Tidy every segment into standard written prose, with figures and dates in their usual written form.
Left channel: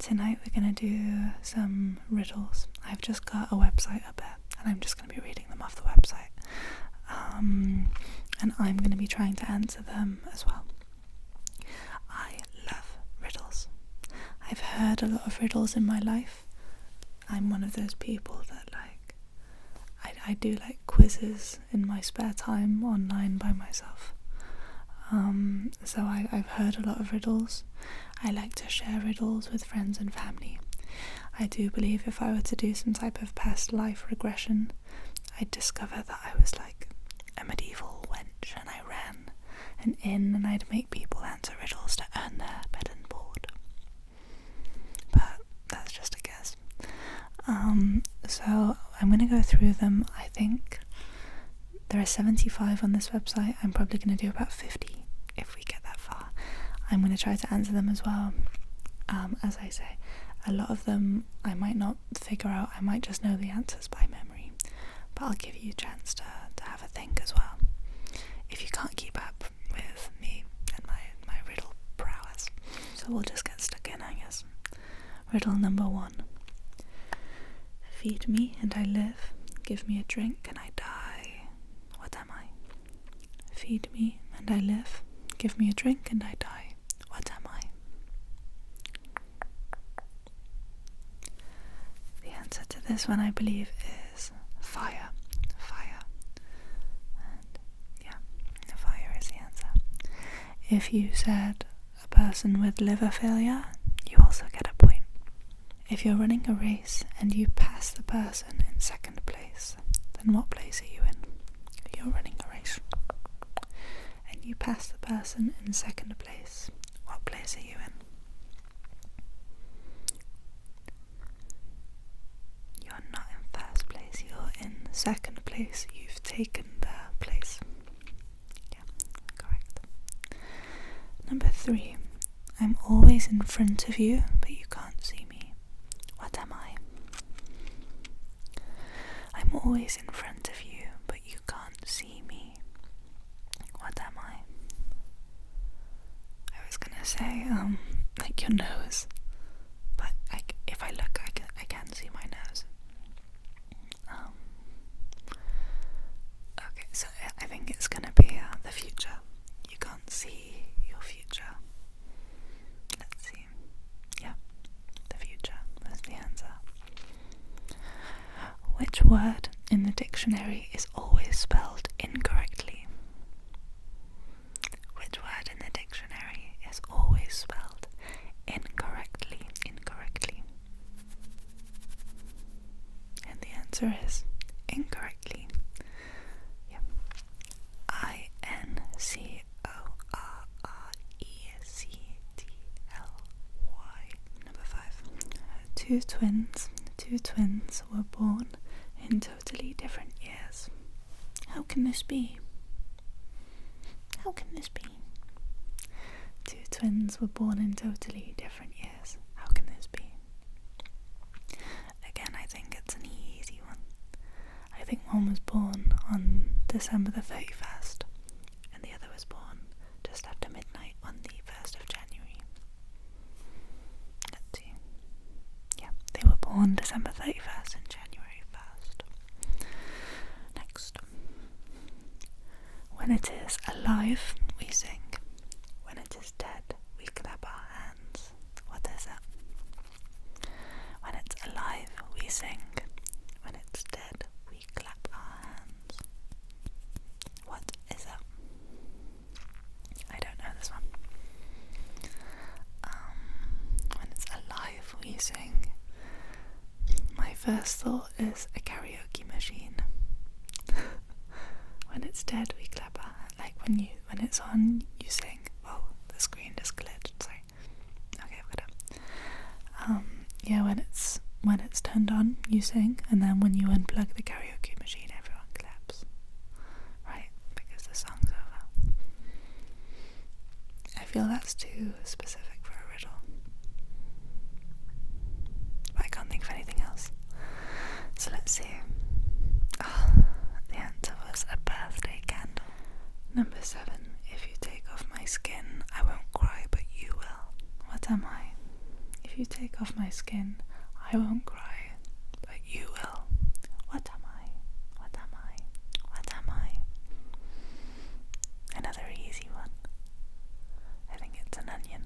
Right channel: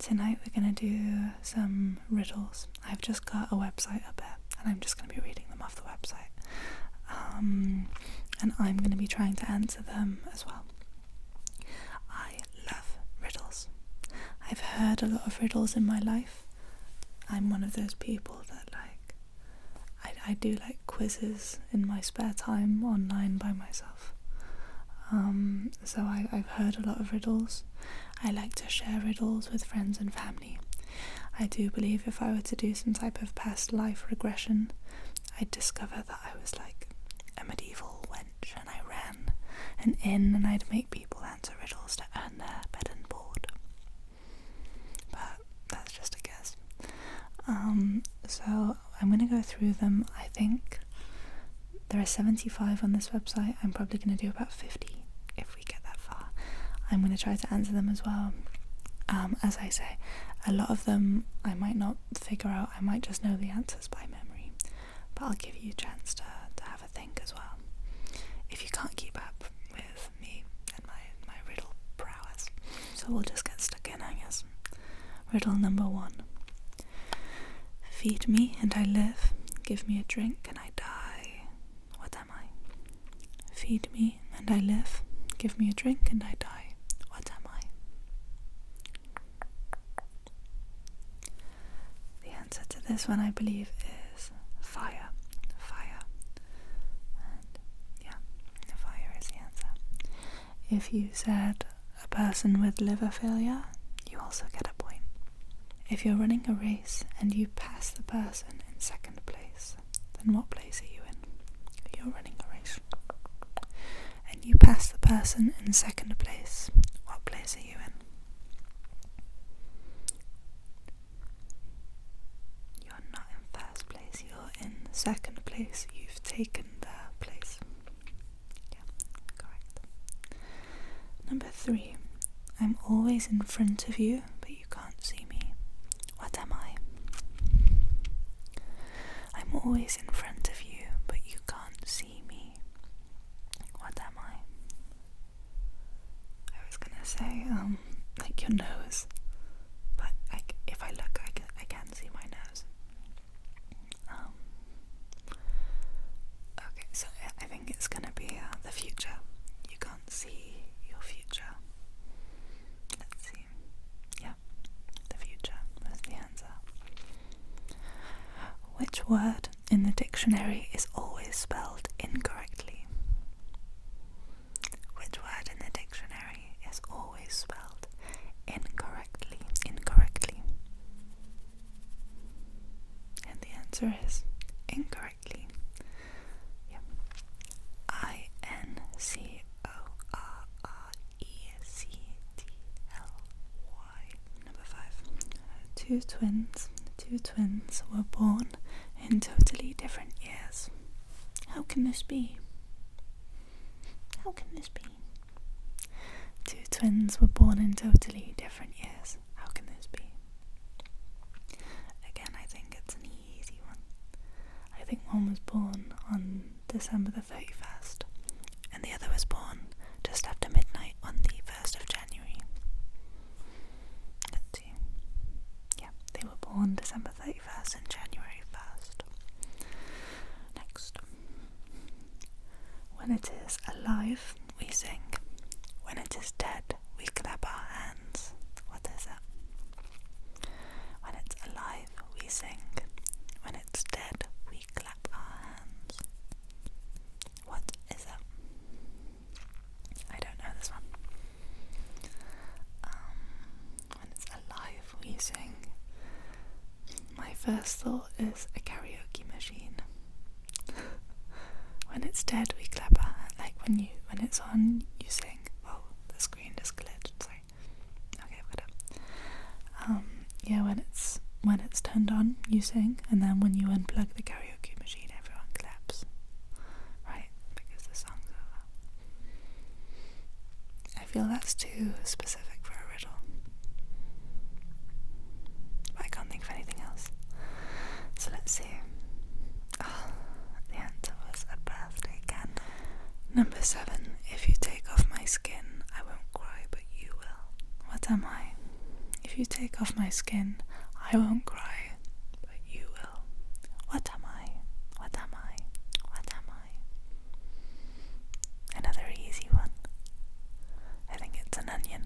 Tonight we're going to do some riddles. I've just got a website up there and I'm just going to be reading them off the website. And I'm going to be trying to answer them as well. I love riddles. I've heard a lot of riddles in my life. I'm one of those people that I do like quizzes in my spare time online by myself. So I've heard a lot of riddles. I like to share riddles with friends and family. I do believe if I were to do some type of past life regression, I'd discover that I was like a medieval wench and I ran an inn and I'd make people answer riddles to earn their bed and board. But that's just a guess. So I'm going to go through them. I think there are 75 on this website. I'm probably going to do about 50 if we get that far. I'm going to try to answer them as well. As I say, a lot of them I might not figure out. I might just know the answers by memory. But I'll give you a chance to have a think as well. If you can't keep up with me and my riddle prowess. So we'll just get stuck in, I guess. Riddle number 1. Feed me and I live, give me a drink and I die. What am I? Feed me and I live, give me a drink and I die. What am I? The answer to this one, I believe, is fire. Fire. And yeah, fire is the answer. If you said a person with liver failure, you also get a point. If you're running a race and you pass the person in second place, then what place are you in? If you're running a race and you pass the person in second place, what place are you in? You're not in first place, you're in second place. You've taken their place. Yeah, correct. Number 3. I'm always in front of you, but you can't see me. What am I? I'm always in front of you, but you can't see me. What am I? I was gonna say, like your nose, but if I look, I can see my nose. Okay, so I think it's gonna be the future. You can't see your future. Let's see. Yeah, the future was the answer. Which word in the dictionary is always spelled incorrectly? Which word in the dictionary is always spelled incorrectly? And the answer is incorrectly. Yep. INCORRECTLY. Number 5. Two twins were born in totally different years. How can this be? How can this be? Two twins were born in totally different years. How can this be? Again, I think it's an easy one. I think one was born on December the 31st, and the other was born just after midnight on the 1st of January. Let's see. Yeah, they were born December 31st and January 1st. Next. When it is alive, we sing. When it is dead, we clap our hands. What is it? When it's alive, we sing. When it's dead, we clap our hands. What is it? I don't know this one. When it's alive, we sing. My first thought is a karaoke machine. When it's dead, we clap our hands. Like when it's on, you sing. Oh, the screen just glitched. Sorry. Okay, I've got it. Yeah, when it's turned on, you sing, and then when you unplug the karaoke machine, everyone claps. Right? Because the song's over. I feel that's too specific for a riddle. But I can't think of anything else. So let's see. Oh, the answer was a birthday candle. Number 7. If you take off my skin, I won't cry, but you will. What am I? If you take off my skin, I won't cry, but you will. What am I? What am I? What am I? Another easy one. I think it's an onion.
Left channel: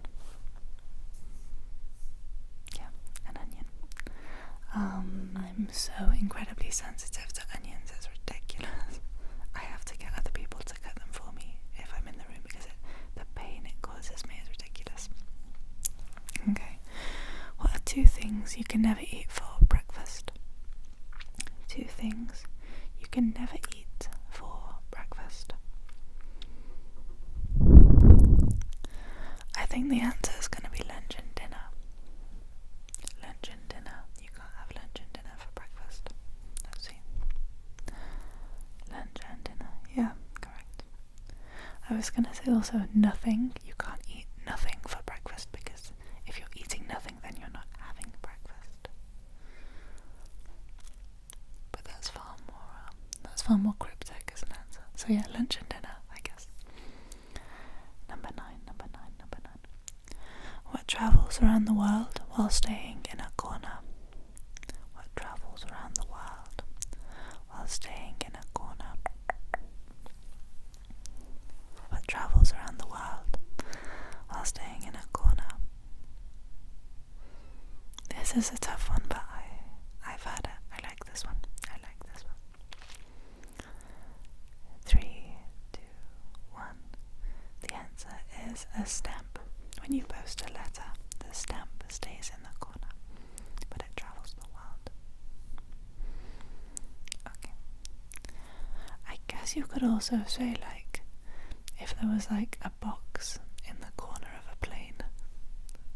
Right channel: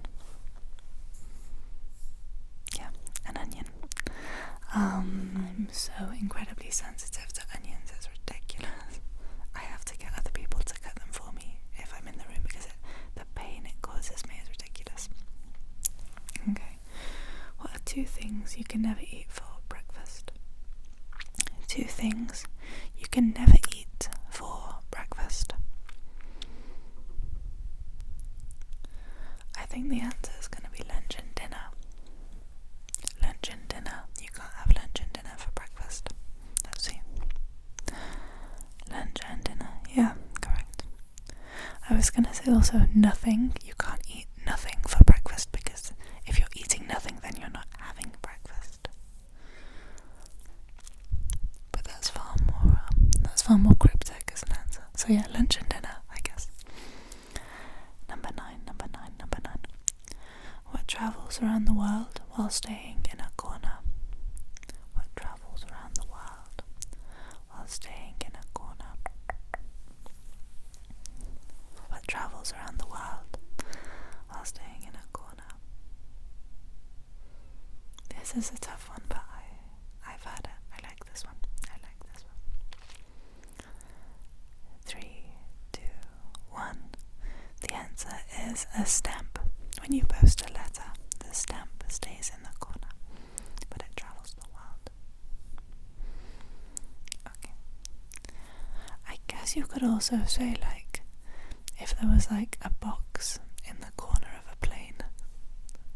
Yeah, an onion. I'm so incredibly sensitive to onions, it's ridiculous. I have to get other people to cut them for me if I'm in the room because the pain it causes me is ridiculous. Okay, what are 2 things you can never eat for breakfast? 2 things you can never eat for breakfast. I think the answer is going to be lunch and dinner. Lunch and dinner. You can't have lunch and dinner for breakfast. Let's see. Lunch and dinner. Yeah, correct. I was going to say also nothing. You can't eat nothing for breakfast because if you're eating nothing, then you're not having breakfast. But that's far more cryptic as an answer. So yeah, lunch and dinner, I guess. Number nine. What travels around the world while staying in a corner? What travels around the world while staying in a corner? What travels around the world while staying in a corner? This is a tough one, but I've had it. I like this one. 3, 2, 1. The answer is a stamp. When you post a letter, the stamp stays in the corner, but it travels the world. Okay. I guess you could also say, like, if there was like a box in the corner of a plane,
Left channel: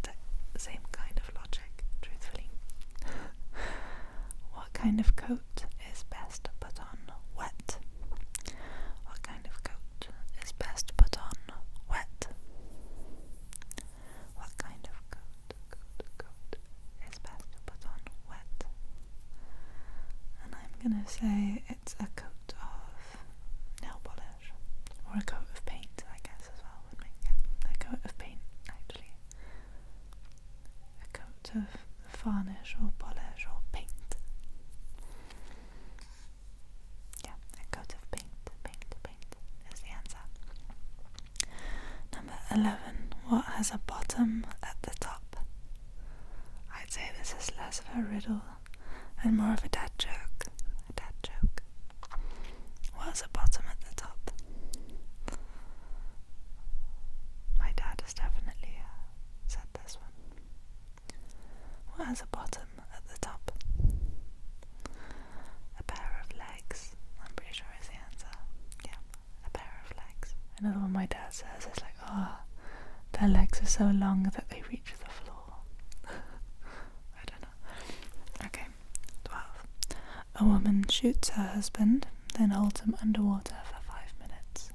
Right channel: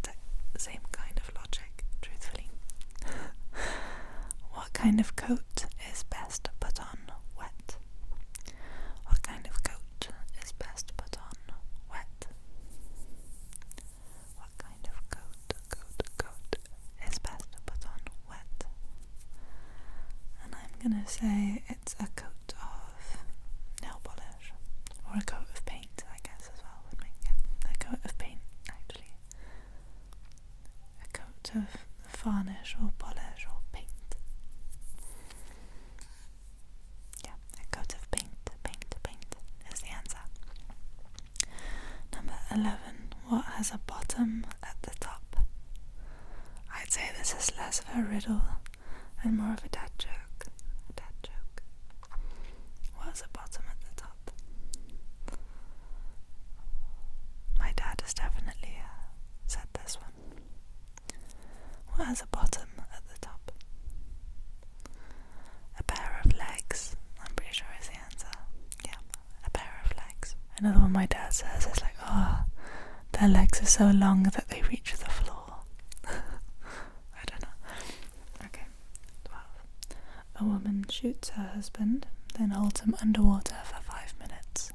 the same kind of logic, truthfully. What kind of coat is best put on wet? What kind of coat is best put on wet? What kind of coat is best put on wet? And I'm gonna say it's a coat of nail polish, or a coat of paint, I guess, as well would make a coat of paint, actually. A coat of varnish or polish or paint. Yeah, a coat of paint is the answer. Number 11. What has a bottom at the top? I'd say this is less of a riddle and more of a dad joke. What has a bottom at the top? My dad has definitely said this one. What has a bottom at the top? A pair of legs, I'm pretty sure is the answer. Yeah, a pair of legs. Another one my dad says is like, oh, their legs are so long that they reach the floor. I don't know. Okay, 12. A woman shoots her husband, then holds him underwater for 5 minutes.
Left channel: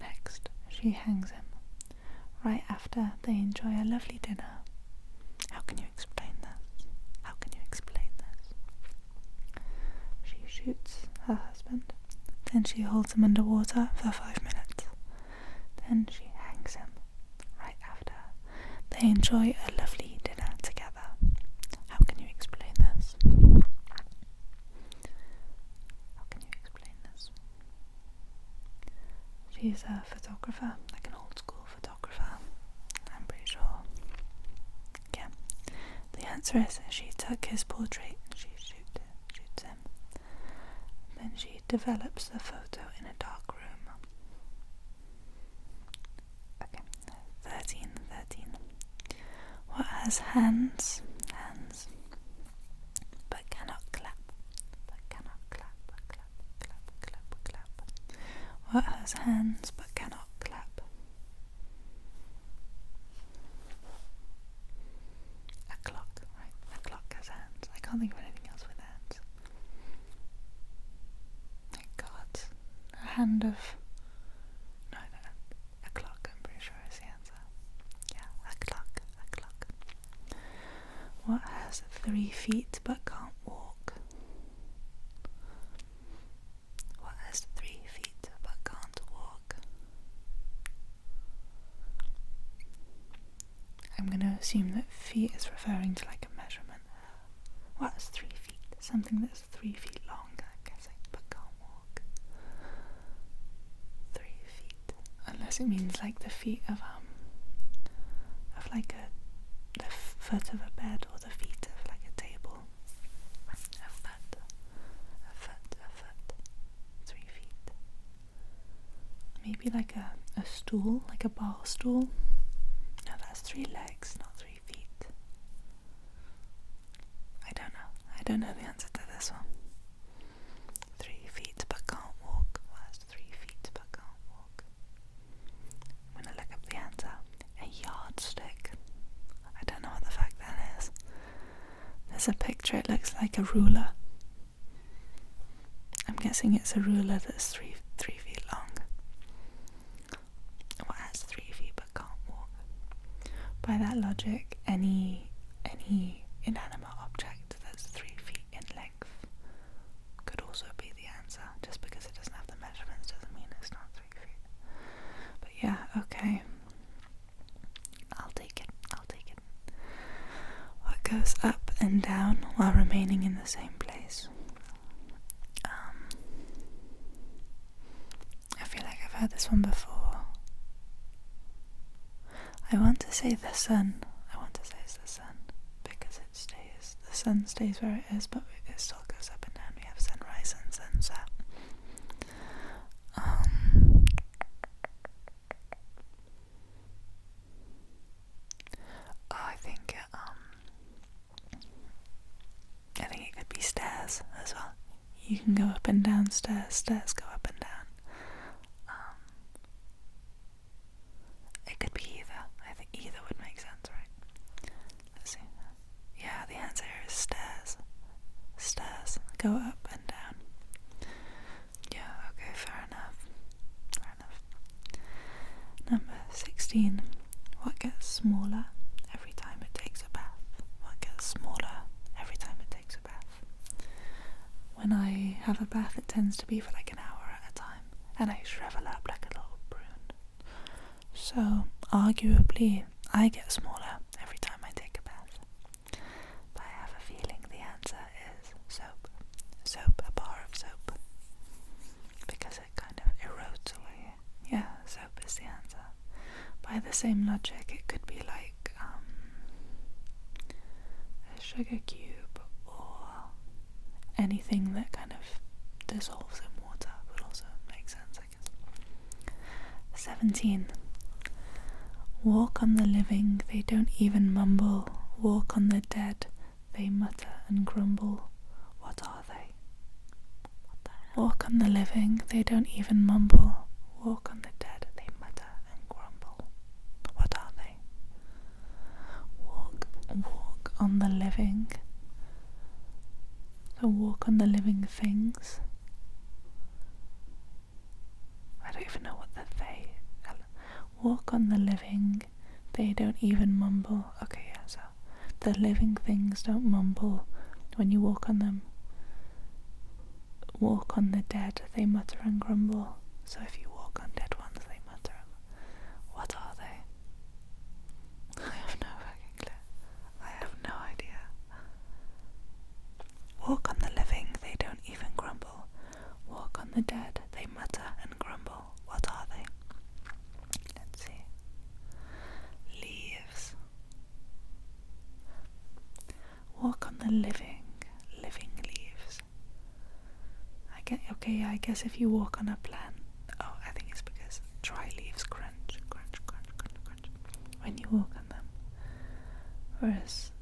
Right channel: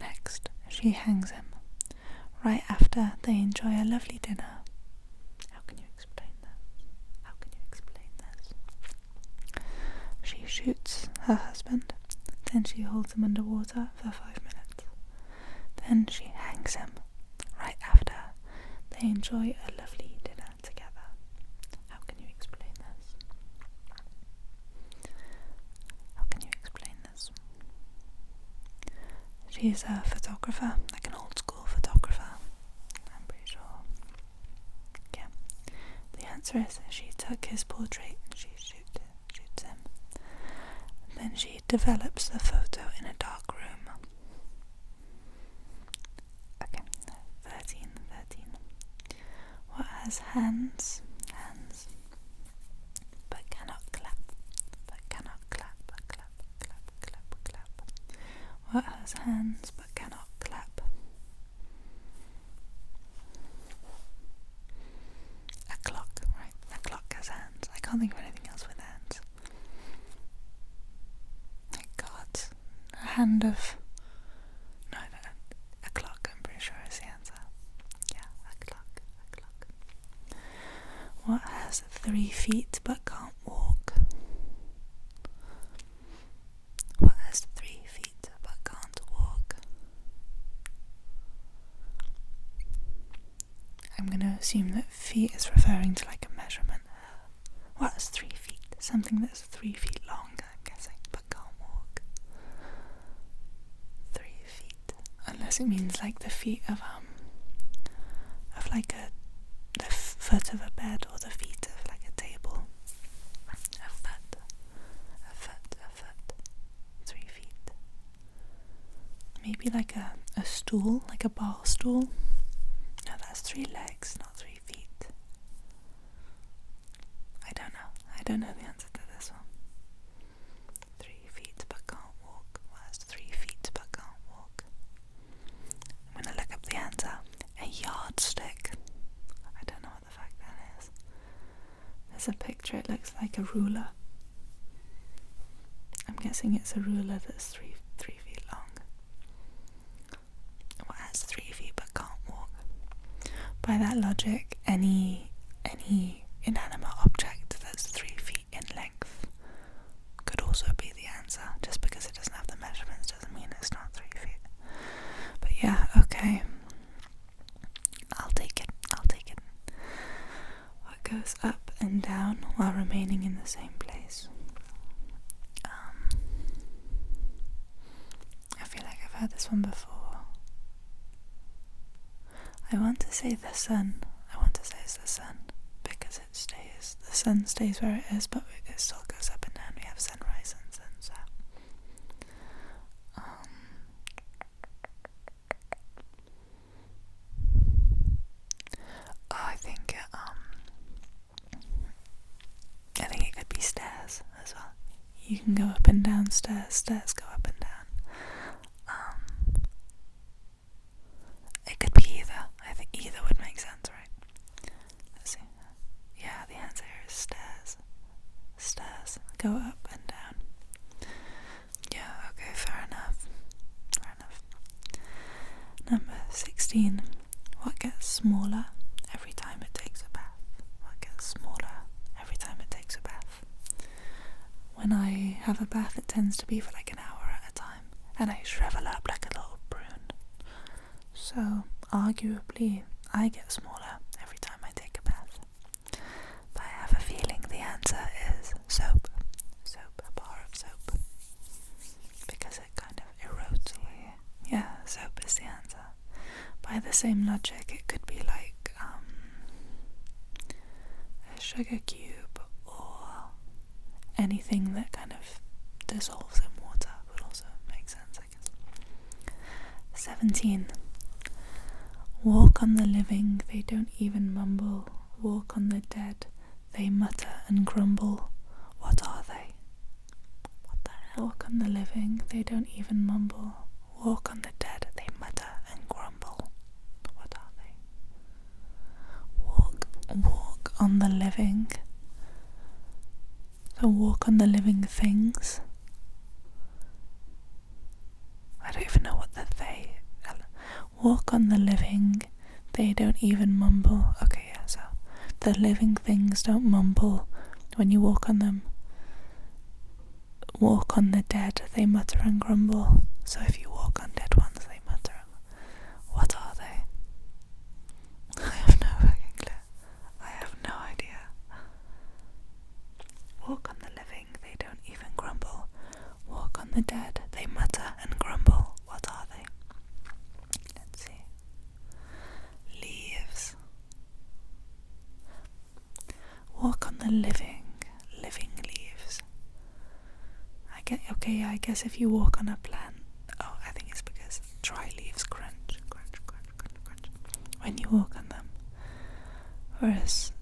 Next, she hangs him. Right after, they enjoy a lovely dinner. How can you explain this? She shoots her husband, then she holds him underwater for 5 minutes. Then she hangs him. Right after, they enjoy a lovely dinner together. How can you explain this? She's a photographer, like an old school photographer, I'm pretty sure. Yeah. The answer is she took his portrait and she shoots him. Then she develops the photo in a dark room. Okay, 13. What has hands, but cannot clap? Clap. What has hands but cannot clap? A clock, right? A clock has hands. I can't think of anything else with hands. My God. A hand of... No, a clock, I'm pretty sure is the answer. Yeah, a clock. What has 3 feet but can't walk? What has 3 feet but can't walk? I'm gonna assume that feet is referring to like a measurement. Well, it's 3 feet. Something that's 3 feet long, I'm guessing, but can't walk. 3 feet. Unless it means like the feet of like the foot of a bed, or the feet of like a table. A foot. 3 feet. Maybe like a stool, like a bar stool. No, that's 3 legs, not 3 feet. I don't know the answer to this one. 3 feet but can't walk. Well, that's 3 feet but can't walk. I'm gonna look up the answer. A yardstick. I don't know what the fuck that is. There's a picture, it looks like a ruler. I'm guessing it's a ruler that's 3 feet long. Well, that's 3 feet but can't walk. By that logic, any inanimate object that's 3 feet in length could also be the answer. Just because it doesn't have the measurements doesn't mean it's not 3 feet. But yeah, okay. I'll take it. What goes up and down while remaining in the same place? I feel like I've heard this one before. I want to say the sun. I want to say it's the sun, because the sun stays where it is, but it still goes up and down. We have sunrise and sunset. I think it could be stairs as well. You can go up and down stairs. Stairs go up and down. It could be either. I think either would make sense, right? Let's see. Yeah, the answer is stairs. Stairs go up and down. Yeah, okay, fair enough. Number 16. What gets smaller every time it takes a bath? What gets smaller every time it takes a bath? When I have a bath, it tends to be for like an hour at a time, and I shrivel up like a little prune. So, arguably, I get smaller every time I take a bath. But I have a feeling the answer is soap. Soap, a bar of soap. Because it kind of erodes away. Yeah, soap is the answer. By the same logic, it could be like a sugar cube, or anything that kind of dissolves in water would also make sense, I guess. 17. Walk on the living, they don't even mumble. Walk on the dead, they mutter and grumble. What are they? What the hell? Walk on the living, they don't even mumble. Walk on the dead, they mutter and grumble. What are they? Walk on the living. So walk on the living things. I don't even know what the they. Walk on the living, they don't even mumble. Okay, yeah, so the living things don't mumble when you walk on them. Walk on the dead, they mutter and grumble. So if you walk on dead ones, they mutter. What are they? I have no fucking clue. I have no idea. Walk on the living, they don't even grumble. Walk on the dead, they mutter and grumble. What are they? Let's see. Leaves. Walk on the living leaves. I guess if you walk on a plant, I think it's because dry leaves crunch when you walk on them. Whereas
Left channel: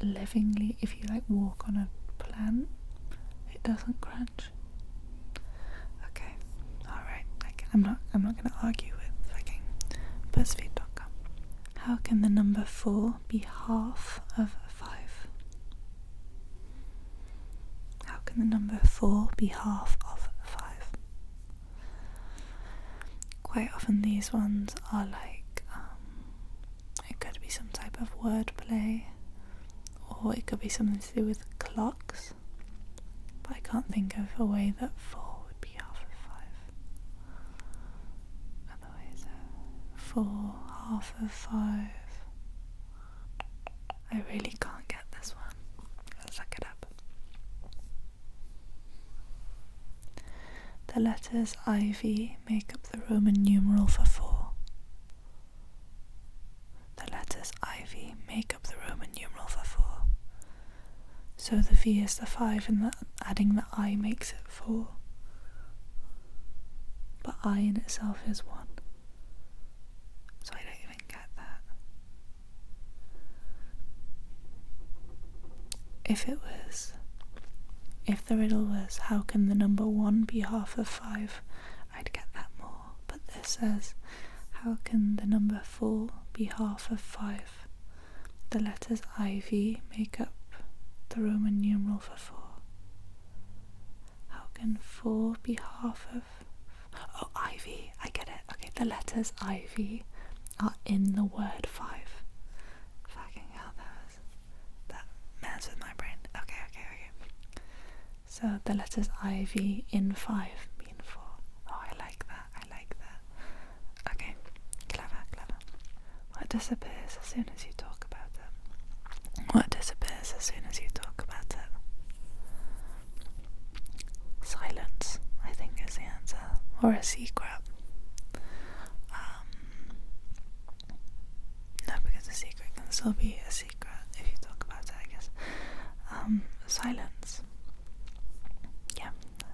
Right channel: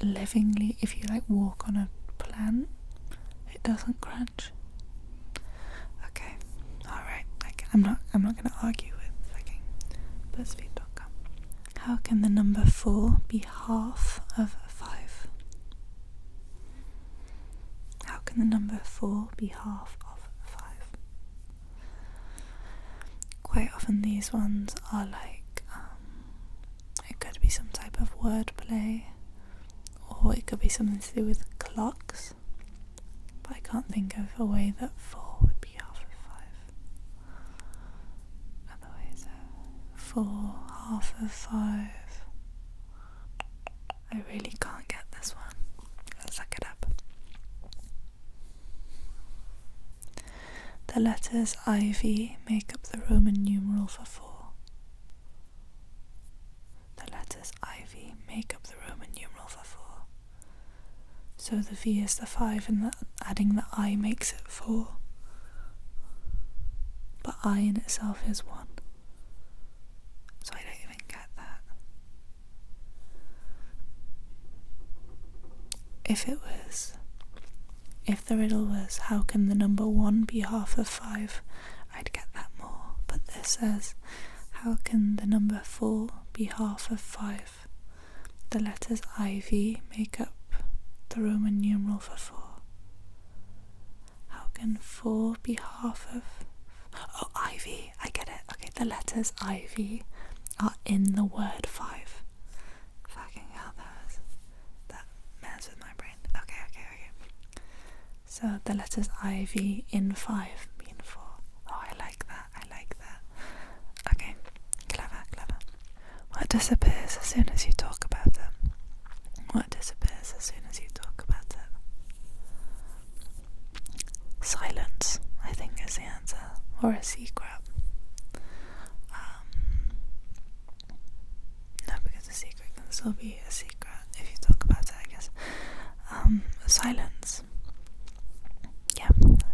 living if you like walk on a plant, it doesn't crunch. Okay, alright. I'm not gonna argue with fucking BuzzFeed.com. How can the number 4 be half of 5? How can the number 4 be half of 5? Quite often these ones are like, it could be some type of wordplay, or it could be something to do with clocks, but I can't think of a way that 4 would be half of 5. Otherwise, 4, half of 5. I really can't get this one. Let's look it up. The letters IV make up the Roman numeral for 4. The letters IV make up the Roman numeral for 4. So the V is the 5 and adding the I makes it 4. But I in itself is 1. So I don't even get that. If the riddle was, how can the number 1 be half of 5, I'd get that more. But this says, how can the number 4 be half of 5? The letters IV make up the Roman numeral for 4. How can 4 be half of... Oh, IV, I get it. Okay, the letters IV are in the word 5. Fucking hell, that messes with my brain. Okay. So the letters IV in 5 mean 4. Oh, I like that. Okay, clever. What disappears as soon as you talk about it? What disappears as soon as you talk about it? Silence, I think, is the answer. Or a secret. No, because a secret can still be a secret if you talk about it, I guess. Silence. Yeah,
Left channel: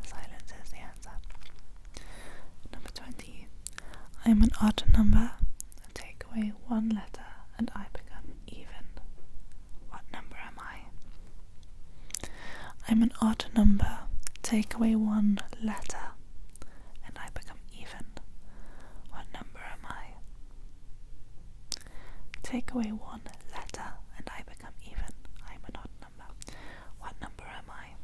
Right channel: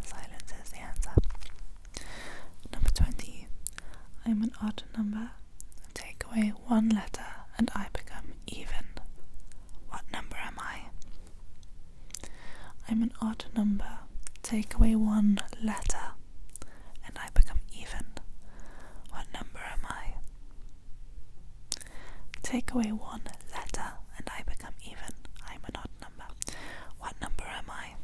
silence is the answer. Number 20. I'm an odd number. Take away 1 letter and I become even. What number am I? I'm an odd number. Take away 1 letter and I become even. What number am I? Take away 1 letter and I become even. I'm an odd number. What number am I?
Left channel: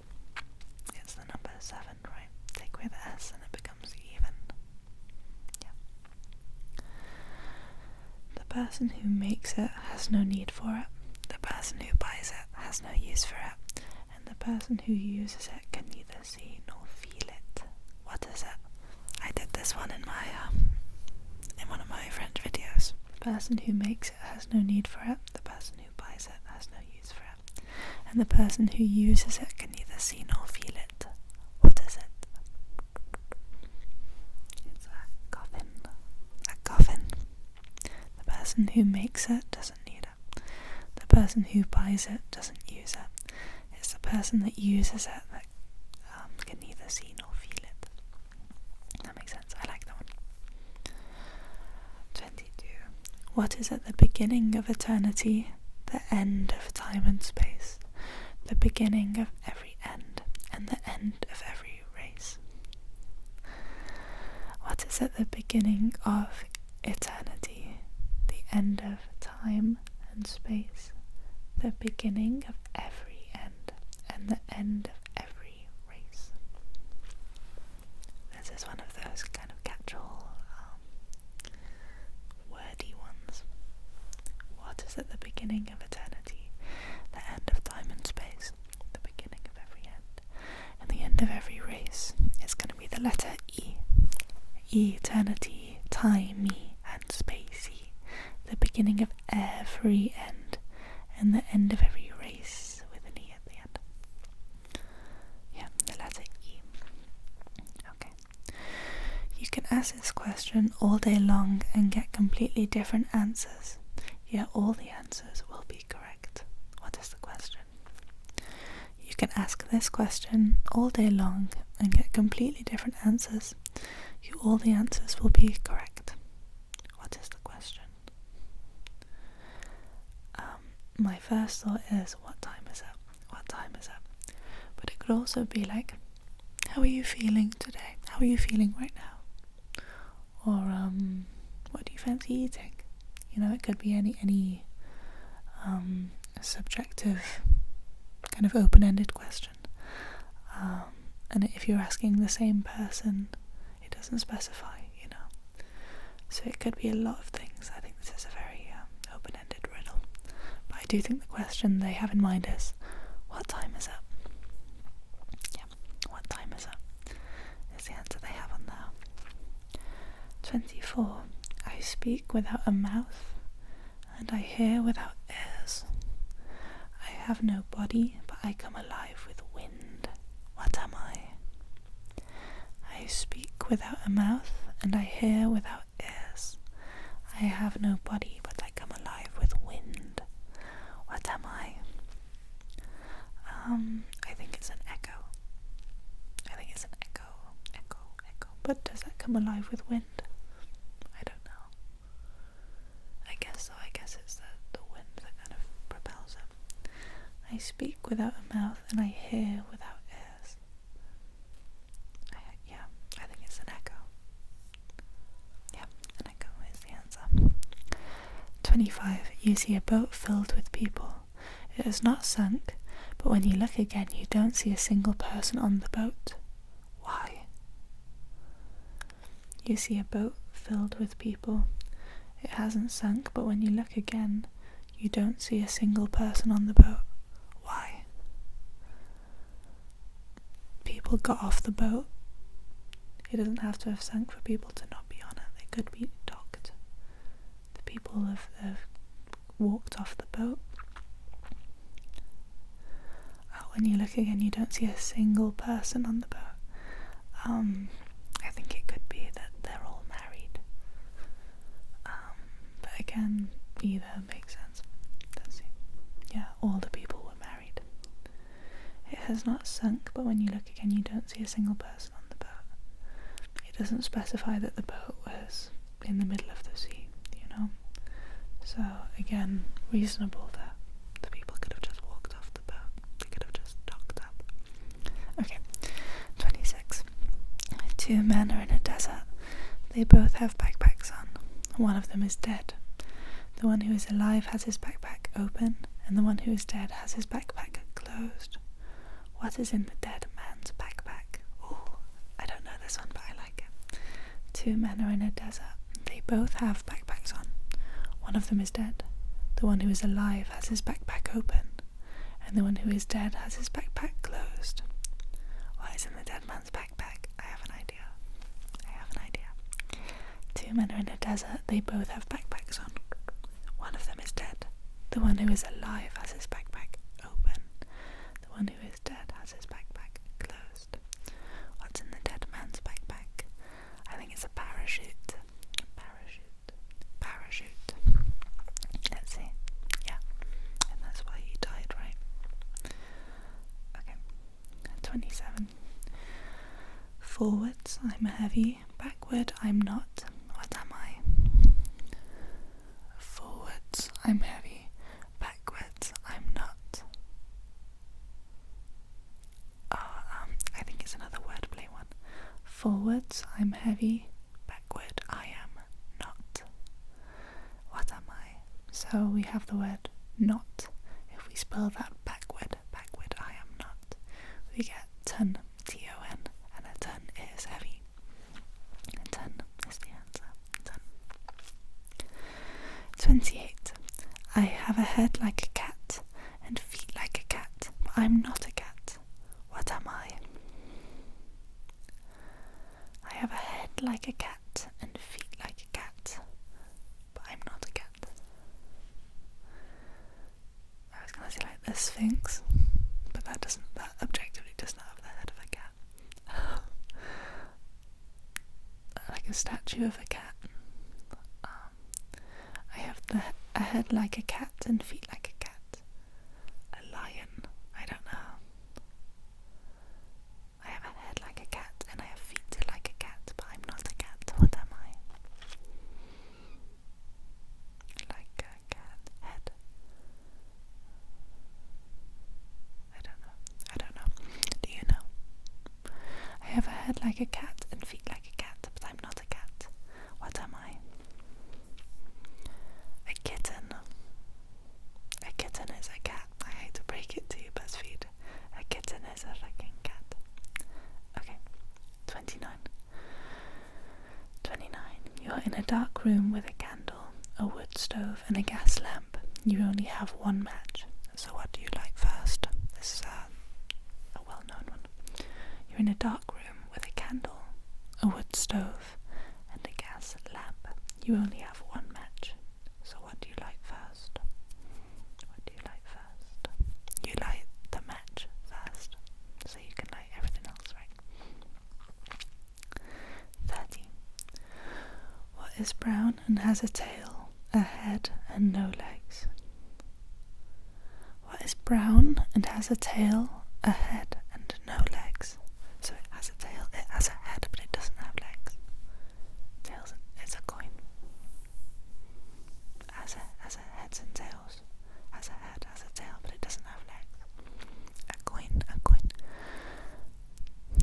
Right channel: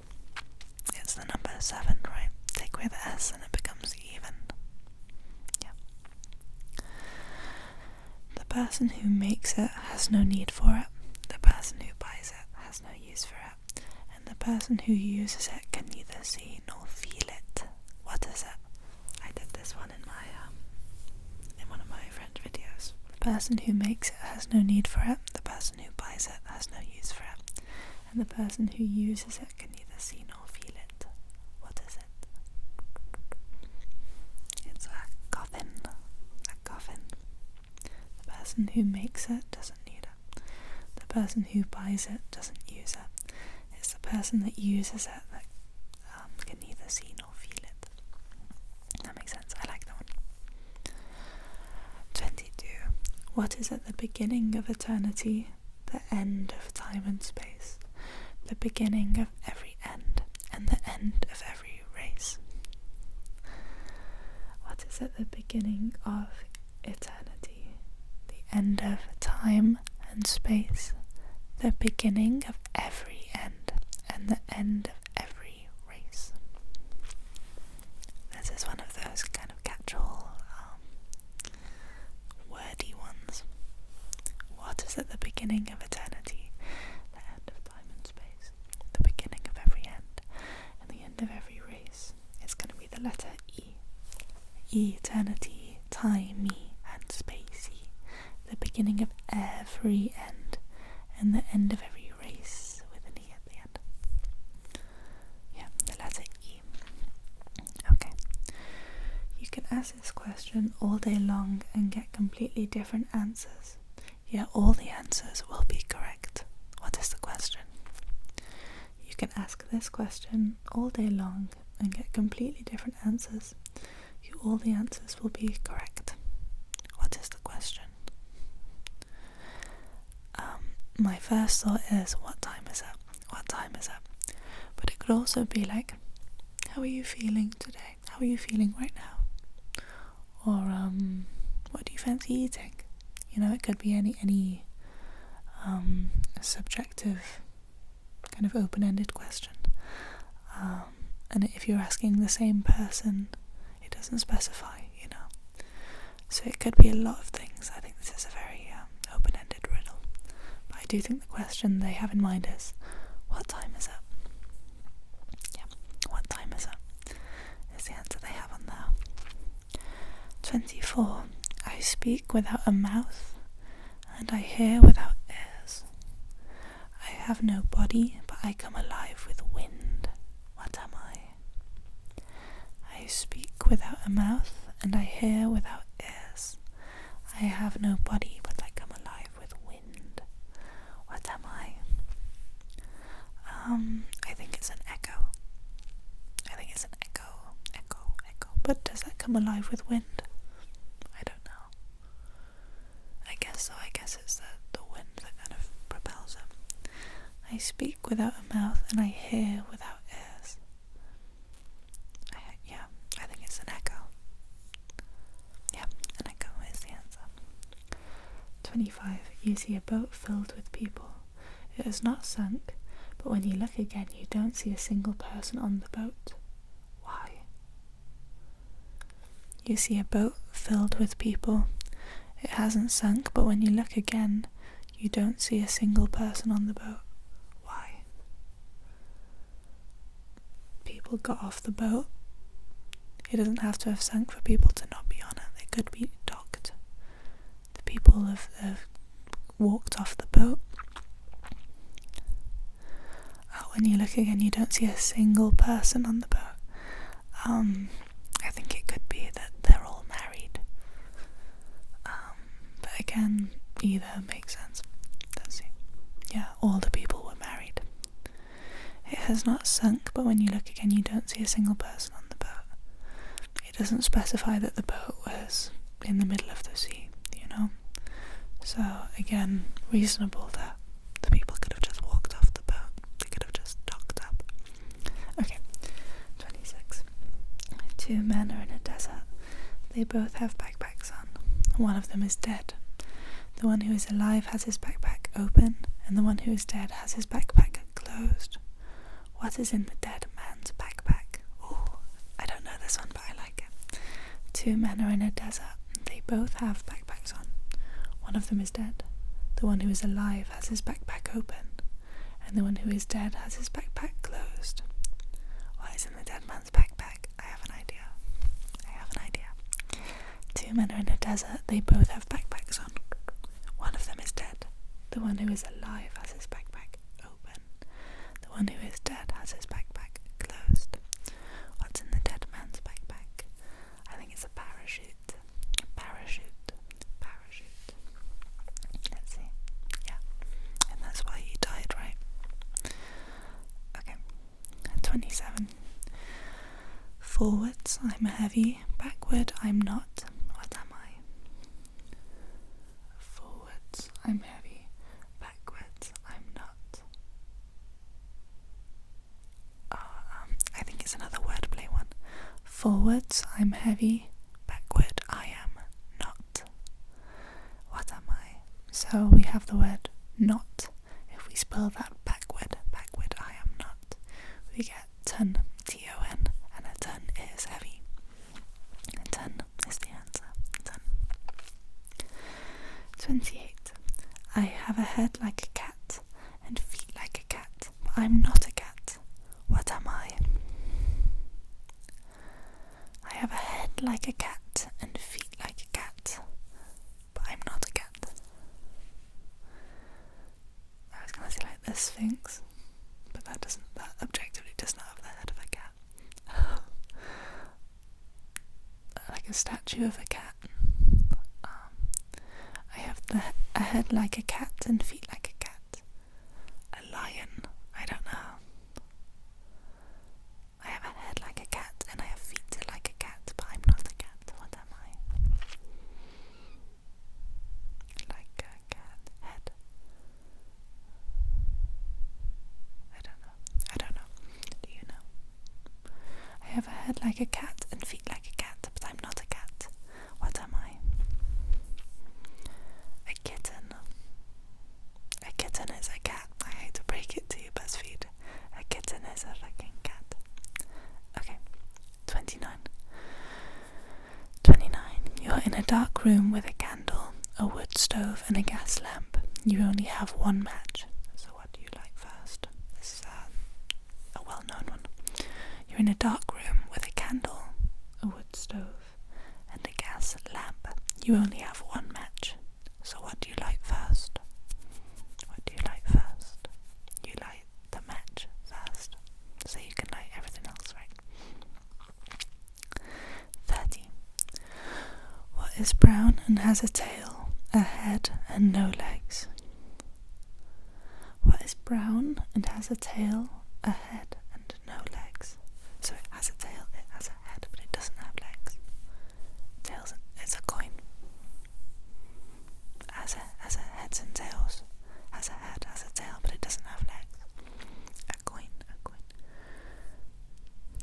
It's the number 7, right? Take away the S and it becomes even. Yeah. The person who makes it has no need for it. The person who buys it has no use for it. And the person who uses it can neither see nor feel it. What is it? I did this one in one of my French videos. The person who makes it has no need for it. The person who buys it has no use for it. And the person who uses it can neither see nor feel it. What is it? It's a coffin. A coffin. The person who makes it doesn't need it. The person who buys it doesn't use it. It's the person that uses it that can neither see nor feel it. That makes sense. I like that one. 22. What is at the beginning of eternity, the end of time and space, the beginning of every end, and the end of every race? What is at the beginning of eternity, the end of time and space, the beginning of every end, and the end of every race? This is one of those kind of catch-all, wordy ones. What is at the beginning of eternity, the end of time and space, the beginning of every end, and the end of every race? It's going to be the letter E. Eternity, timey, and spacey. The beginning of every end, and the end of every race with an E at the end. Yeah, the letter E. Okay. You can ask this question all day long and get completely different answers. Yet all the answers will be correct. What is the question? You can ask this question all day long and get completely different answers. All the answers will be correct. What is the question? My first thought is, what time is it? What time is it? But it could also be like, how are you feeling today? How are you feeling right now? Or what do you fancy eating? You know, it could be any subjective kind of open-ended question. And if you're asking the same person, it doesn't specify, you know. So it could be a lot of things. I think this is a very open-ended riddle. But I do think the question they have in mind is, what time is it? Yeah, what time is it? Is the answer they have on there. 24. I speak without a mouth, and I hear without ears. have no body, but I come alive with wind. What am I? I speak without a mouth, and I hear without ears. I have no body, but I come alive with wind. What am I? I think it's an echo. Echo. But does that come alive with wind? I don't know. I guess so. I guess it's the wind that kind of propels it. I speak without a mouth, and I hear without ears. I think it's an echo. Yeah, an echo is the answer. 25. You see a boat filled with people. It has not sunk, but when you look again, you don't see a single person on the boat. Why? You see a boat filled with people. It hasn't sunk, but when you look again, you don't see a single person on the boat. Why? People got off the boat. It doesn't have to have sunk for people to not be on it. They could be docked. The people have walked off the boat. When you look again, you don't see a single person on the boat. I think it could be that they're all married. But again, either makes sense. Let's see. Yeah, all the people were married. It has not sunk, but when you look again, you don't see a single person on the boat. It doesn't specify that the boat was in the middle of the sea, you know? So, again, reasonable that the people could have just walked off the boat. They could have just docked up. Okay, 26. Two men are in a desert. They both have backpacks on. One of them is dead. The one who is alive has his backpack open, and the one who is dead has his backpack closed. What is in the dead man's backpack? Oh, I don't know this one, but I like it. Two men are in a desert. They both have backpacks on. One of them is dead. The one who is alive has his backpack open, and the one who is dead has his backpack closed. What is in the dead man's backpack? I have an idea. Two men are in a desert. They both have backpacks on. One of them is dead. The one who is alive has his backpack open. The one who is dead has his backpack closed. What's in the dead man's backpack? I think it's a parachute. Parachute. Let's see. Yeah. And that's why he died, right? Okay. 27. Forwards, I'm heavy. Backward, I'm not. What am I? Forwards, I'm heavy. Backwards, I'm not. I think it's another wordplay one. Forwards, I'm heavy. Backward, I am not. What am I? So we have the word not. If we spell that backward, I am not, we get ton, T-O-N, and a ton is heavy. A ton is the answer. Ton. 28. I have a head like a cat and feet like a cat, but I'm not a cat. What am I? I have a head like a cat and feet like a cat, but I'm not a cat. I was gonna say like the Sphinx, but that objectively does not have the head of a cat. Like a statue of a cat. I have a head like a cat and feet like a cat. A lion. I don't know. I have a head like a cat and I have feet like a cat, but I'm not a cat. What am I? Like a cat. Head. I don't know. Do you know? I have a head like a cat and feet like a cat, but I'm not a cat. What am I? A kitten. A kitten is a cat. I hate to break it to you, BuzzFeed. A kitten is a fucking cat. Okay. 29. You're in a dark room with a candle, a wood stove, and a gas lamp. You only have one match. So what do you light first? This is a well-known one. You're in a dark room with a candle, a wood stove, and a gas lamp. You only have one match. So what do you light first? What do you light first? is brown and has a tail, a head and no legs? What is brown and has a tail, a head and no legs? So it has a tail, it has a head, but it doesn't have legs. Tails, it's a coin. Has a heads and tails. Has a head, has a tail, but it doesn't have legs. A coin.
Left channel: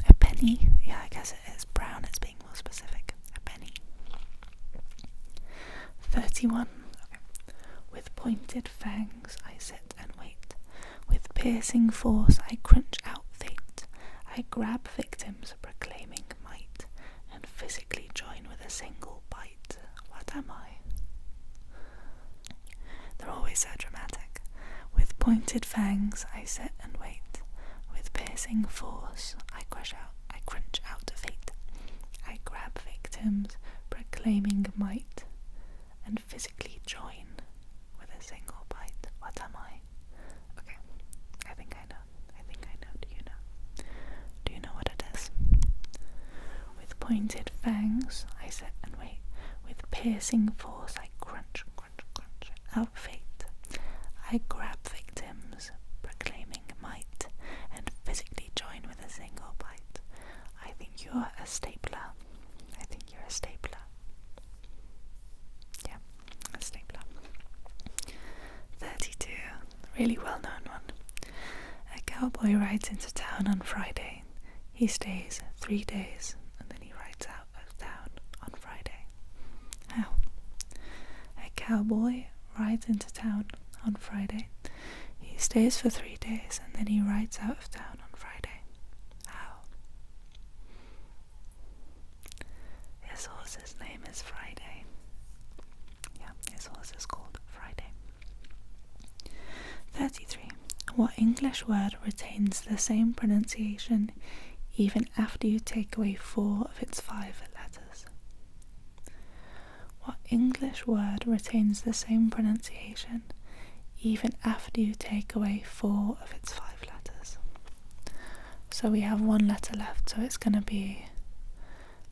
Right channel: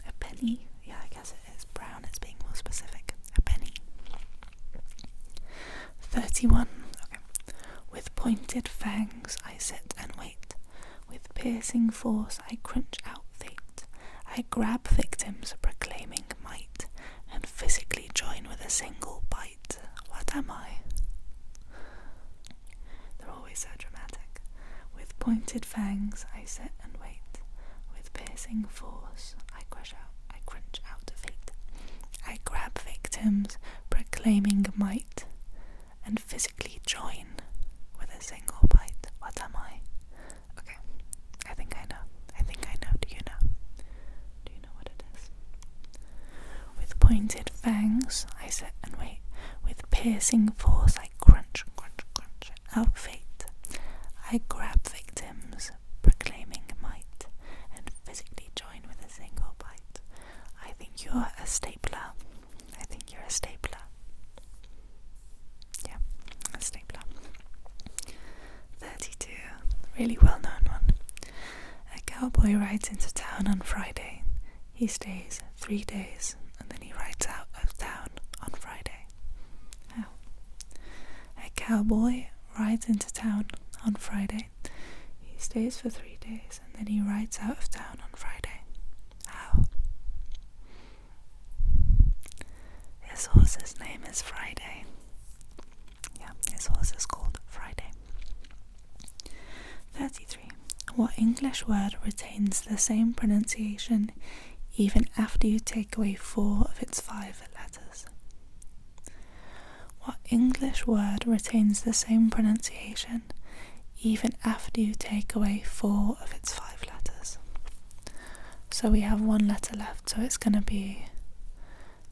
A penny. Yeah, I guess it is brown, it's being more specific. A penny. 31. Okay. With pointed fangs I sit and wait. With piercing force I crunch out fate. I grab victims proclaiming might, and physically join with a single bite. What am I? They're always so dramatic. With pointed fangs I sit and wait. With piercing force I crunch out fate. I grab victims proclaiming might, and physically join with a single bite. What am I? Okay, I think I know. Do you know? Do you know what it is? With pointed fangs I sit and wait. With piercing force I crunch out fate. I grab victims proclaiming might, and physically join with a single bite. I think you're a stapler. Yeah, a stapler. 32. Really well known one. A cowboy rides into town on Friday. He stays 3 days and then he rides out of town on Friday. How? A cowboy rides into town on Friday. He stays for 3 days and then he rides out of town on Friday. How? His horse's name is Friday. Yeah, his horse is called Friday. 33. What English word retains the same pronunciation even after you take away 4 of its 5 letters? What English word retains the same pronunciation even after you take away 4 of its 5 letters? So we have 1 letter left, so it's going to be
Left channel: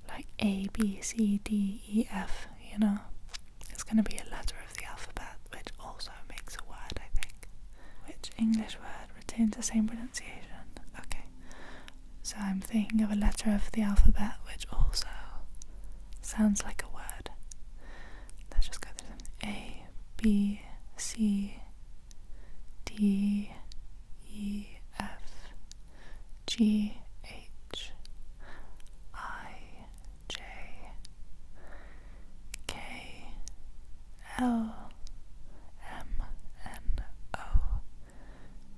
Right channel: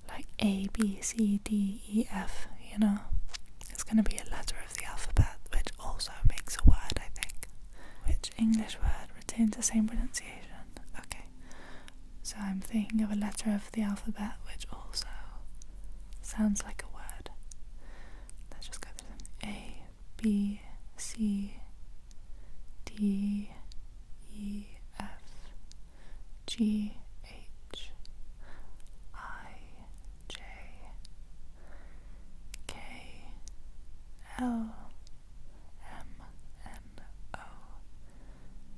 like A, B, C, D, E, F, you know? It's going to be a letter of the alphabet, which also makes a word, I think. Which English word retains the same pronunciation? Okay, so I'm thinking of a letter of the alphabet which also sounds like a word. Let's just go through them. A, B, C, D, E, F, G, H, I, J, K, L, M, N, O,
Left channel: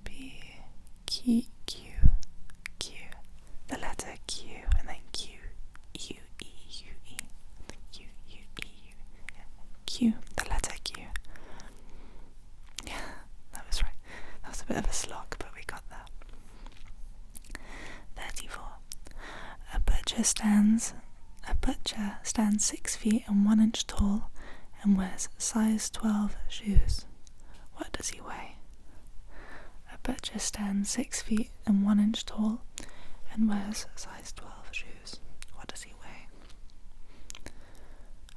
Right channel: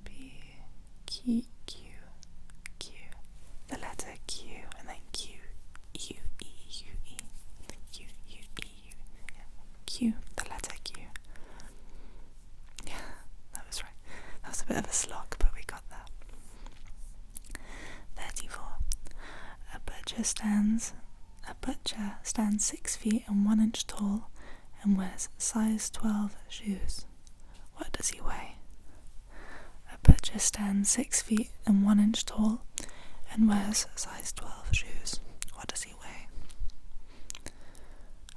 B, Q, the letter Q, and then Q, U, E, U, E, Q, U, E, U, yeah. Q, the letter Q. Yeah, that was right. That was a bit of a slog, but we got that. 34. A butcher stands 6 feet and 1 inch tall and wears size 12 shoes. What does he weigh? A butcher stands 6 feet and 1 inch tall and wears size 12 shoes. What does he weigh?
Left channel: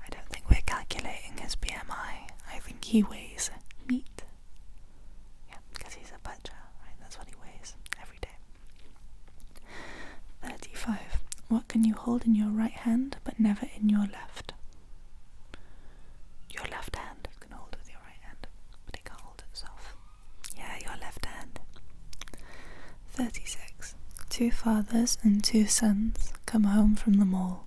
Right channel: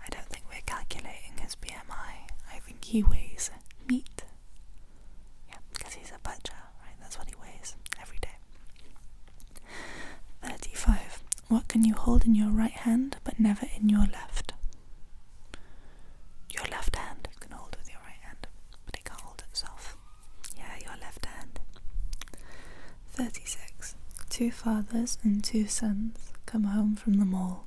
I don't think we're calculating his BMI. I think he weighs meat. Yeah, because he's a butcher, right? That's what he weighs every day. 35. What can you hold in your right hand but never in your left? Your left hand you can hold with your right hand, but it can't hold itself. Yeah, your left hand. 36. 2 fathers and 2 sons come home from the mall.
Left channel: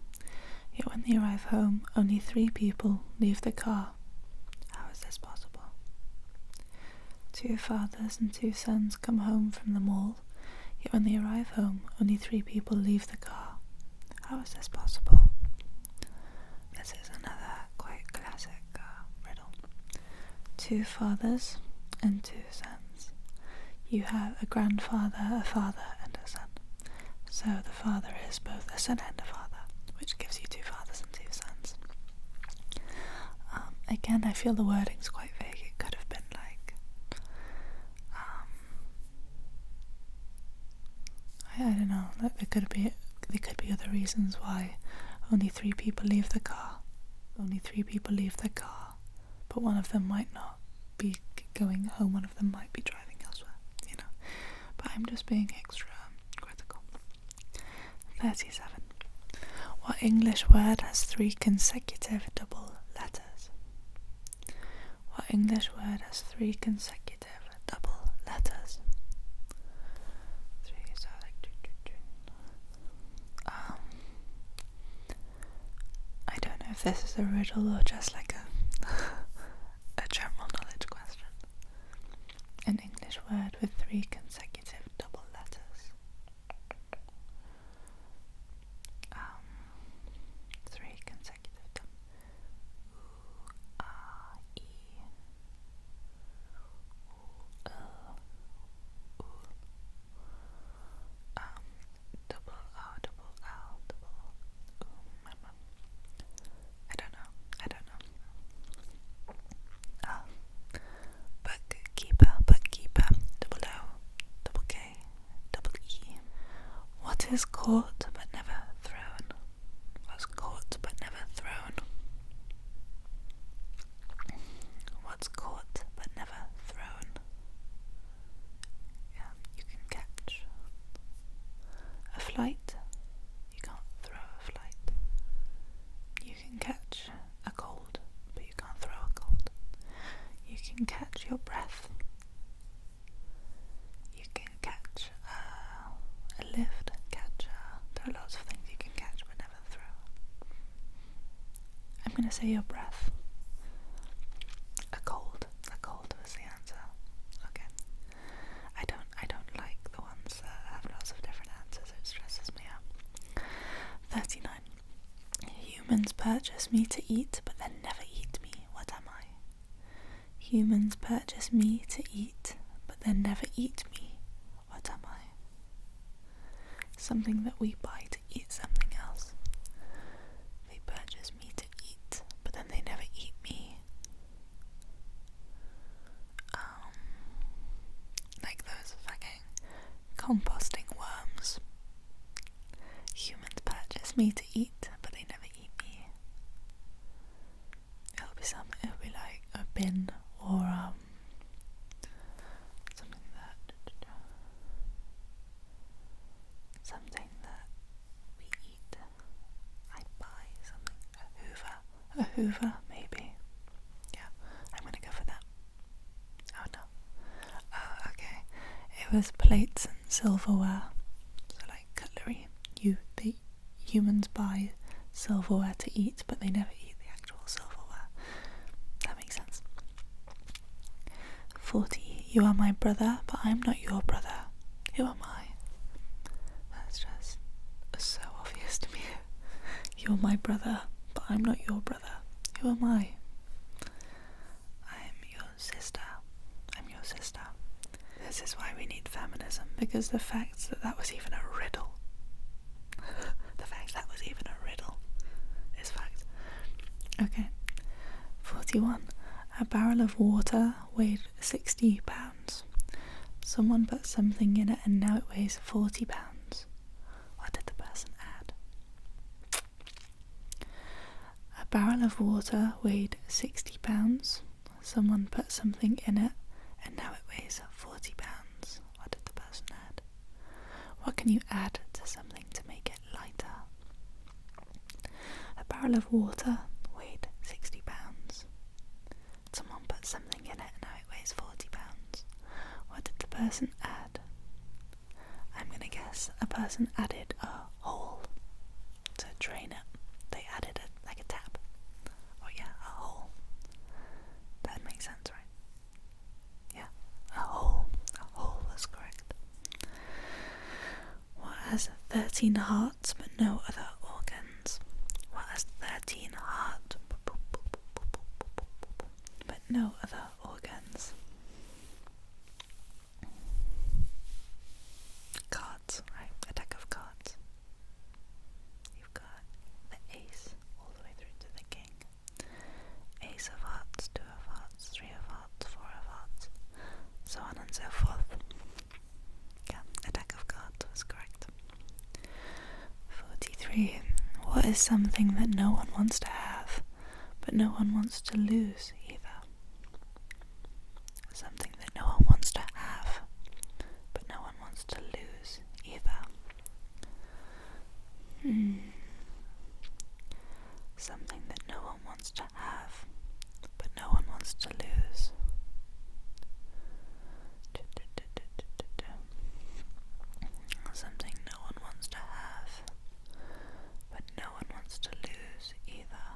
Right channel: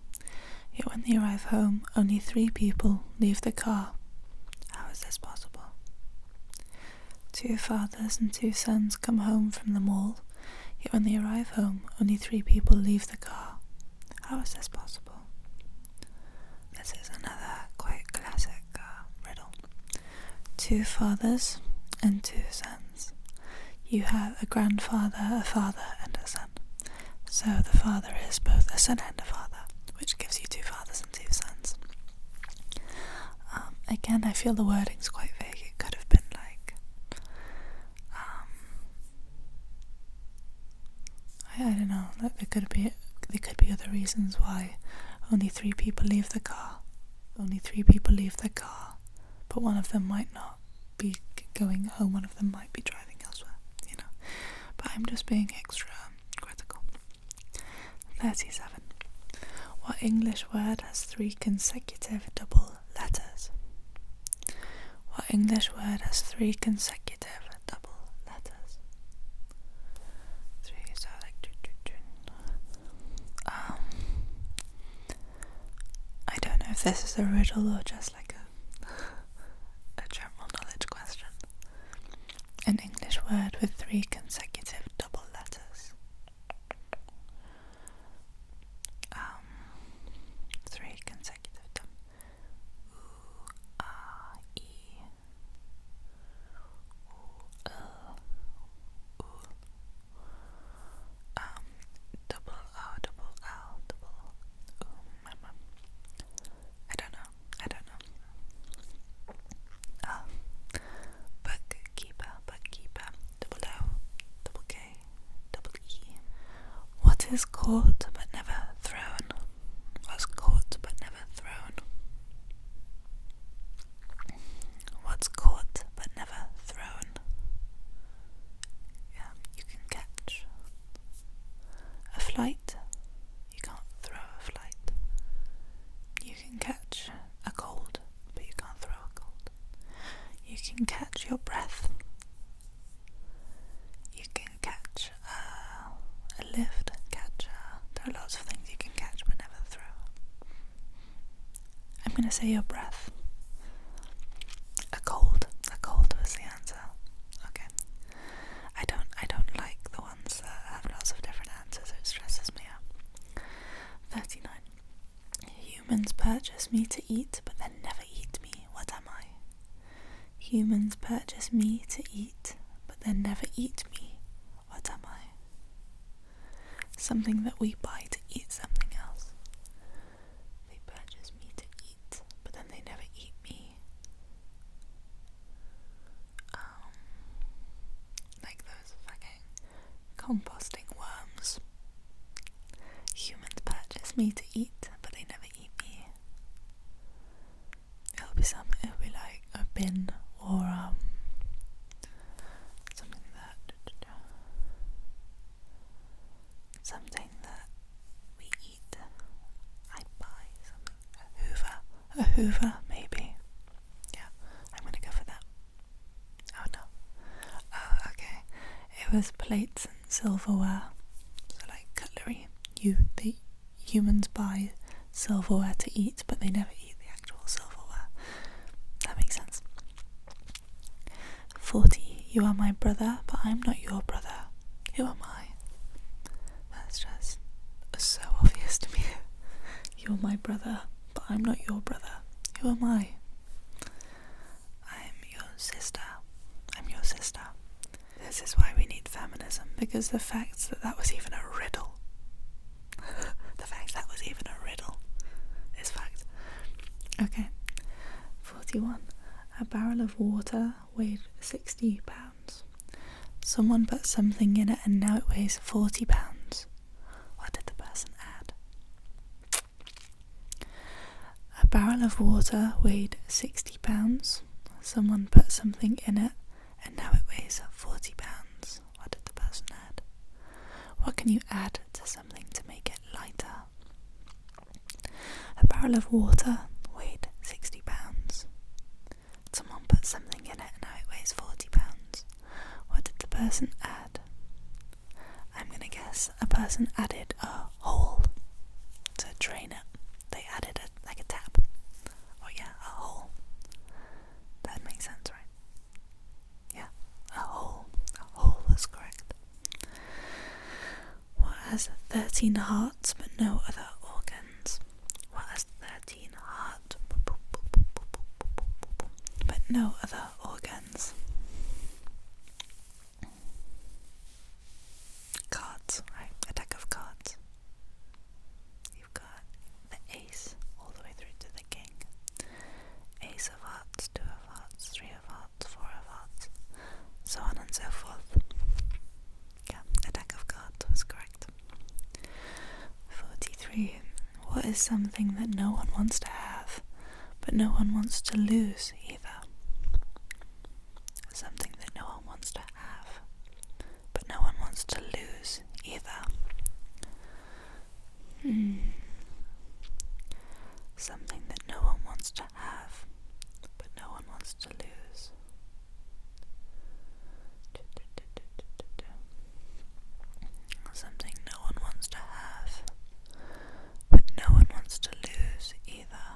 Yet when they arrive home, only 3 people leave the car. How is this possible? 2 fathers and 2 sons come home from the mall. Yet when they arrive home, only 3 people leave the car. How is this possible? This is another quite classic riddle. 2 fathers and 2 sons. You have a grandfather, a father, and a son. So the father is both a son and a father, which gives you 2 fathers and 2 sons. Again, I feel the wording's quite vague. It could have been like, I don't know. Like there could be other reasons why only 3 people leave the car. only 3 people leave their car, but one of them might not be going home, one of them might be driving elsewhere, you know. But I'm just being extra critical. 37. What English word has 3 consecutive double letters? What English word has 3 consecutive double letters? 3, so like I don't know if this is a riddle or just like a general knowledge question. An English word with 3 consecutive double letters. 3 consecutive E, double O, double L, double I don't know. Bookkeeper, double O, double K, double E. What is caught but never thrown? What's caught but never thrown? What's caught but never thrown? Yeah, you can catch a flight. You can't throw a flight. You can catch a cold, but you can't throw a cold. You can catch your breath. You can catch a lift, there are lots of things you can catch but never throw. I'm going to say your breath. A cold was the answer. Okay. I don't like the ones that have lots of different answers, it stresses me out. 39. Humans purchase me to eat but then never eat me. What am I? Humans purchase me to eat but then never eat me. What am I? Something that we buy to eat something else. They purchase me to eat but then they never eat me. Like those fucking composting worms. Humans purchase me to eat but they never eat me. It'll be like a bin or something that we eat. I buy something. A Hoover maybe. Yeah, I'm gonna go for that. Oh no. Oh, okay. It was plates and silverware. So like cutlery. The humans buy silverware to eat, but they never eat the actual silverware. That makes sense. 40. You are my brother, but I'm not your brother. Who am I? That's just so obvious to me. You're my brother, but I'm not your brother. Who am I? I'm your sister. I'm your sister. This is why we need feminism, because the fact that was even a riddle. The fact that was even a riddle is fact. Okay. 41. A barrel of water weighed 60 pounds. Someone put something in it and now it weighs 40 pounds. What did the person add? A barrel of water weighed 60 pounds. Someone put something in it and now it weighs 40 pounds. What did the person add? What can you add to something to make it lighter? A barrel of water weighed 60 pounds. Someone put something in it and now it weighs 40 pounds. What did the person add? I'm gonna guess a person added a hole to drain it. They added like a tap. Oh yeah, a hole. That makes sense, right? Yeah, a hole. A hole was correct. What has 13 hearts but no other organs? What has 13 hearts but no other organs? Cards, right? A deck of cards. You've got the ace all the way through to the king. Ace of hearts, 2 of hearts, 3 of hearts, 4 of hearts, so on and so forth. Yeah, a deck of cards was correct. 43. What is something that no one wants to have, but no one wants to lose either. Something that no one wants to have, but no one wants to lose either. Something that no one wants to have, but no one wants to lose. Something no one wants to have, but no one wants to lose either.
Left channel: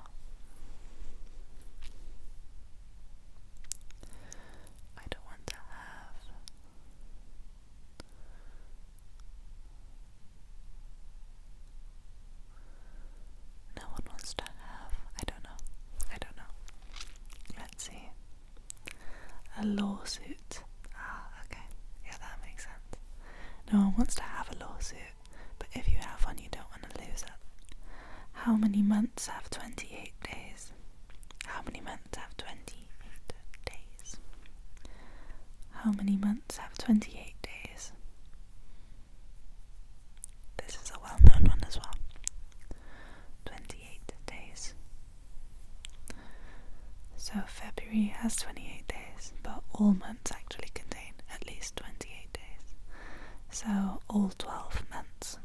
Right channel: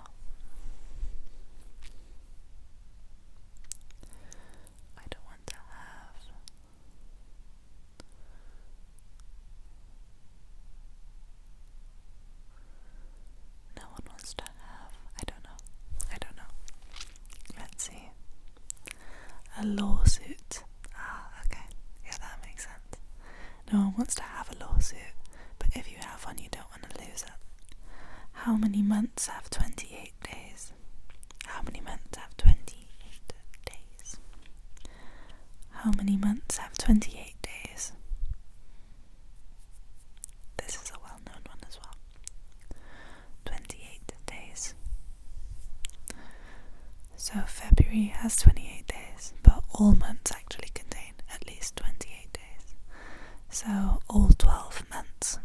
I don't want to have. No one wants to have. I don't know. Let's see. A lawsuit. Okay. Yeah, that makes sense. No one wants to have a lawsuit, but if you have one, you don't want to lose it. How many months have 28 days? How many months have 28 days? How many months have 28 days? This is a well-known one as well. 28 days. So February has 28 days, but all months actually contain at least 28 days. So all 12 months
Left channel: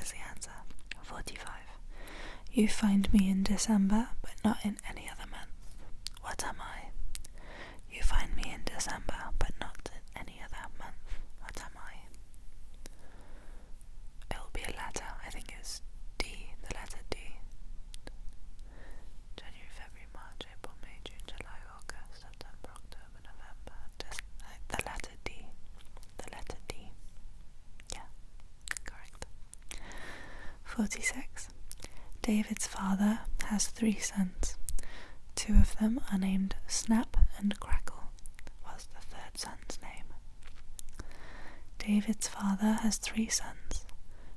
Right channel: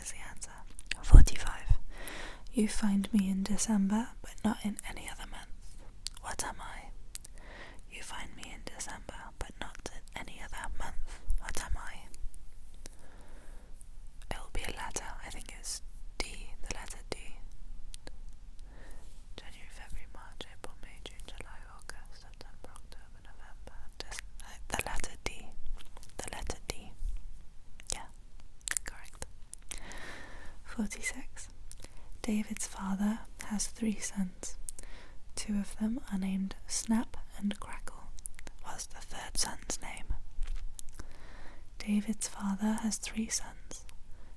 is the answer. 45. You find me in December, but not in any other month. What am I? You find me in December, but not in any other month. What am I? It'll be a letter. I think it's D, the letter D. January, February, March, April, May, June, July, August, September, October, November. The letter D. The letter D. Yeah, correct. 46. David's father has 3 sons. 2 of them are named Snap and Crackle. What's the third son's name? David's father has 3 sons.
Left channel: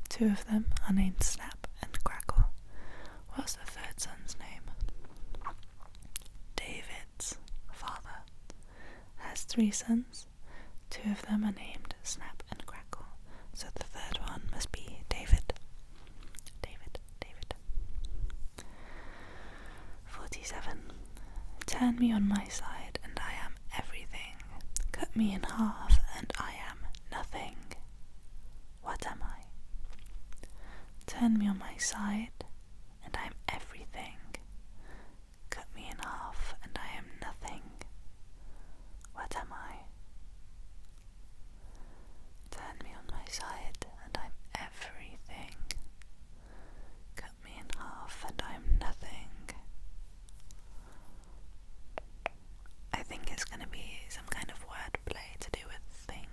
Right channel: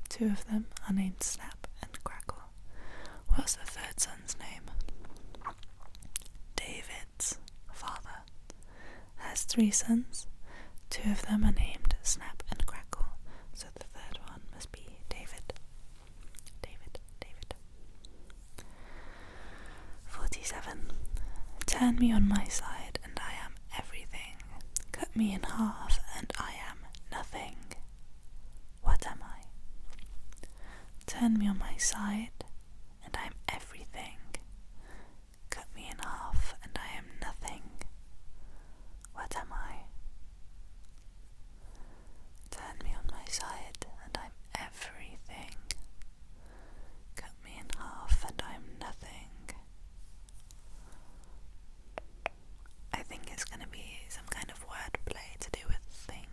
2 of them are named Snap and Crackle. What's the third son's name? David's father has 3 sons. 2 of them are named Snap and Crackle. So the third one must be David. David. 47. Turn me on my side and I am everything. Cut me in half and I am nothing. What am I? Turn me on my side and I am everything. Cut me in half and I am nothing. What am I? Turn me on my side and I'm everything. Cut me in half and I'm nothing. I think it's going to be some kind of wordplay to do with thing.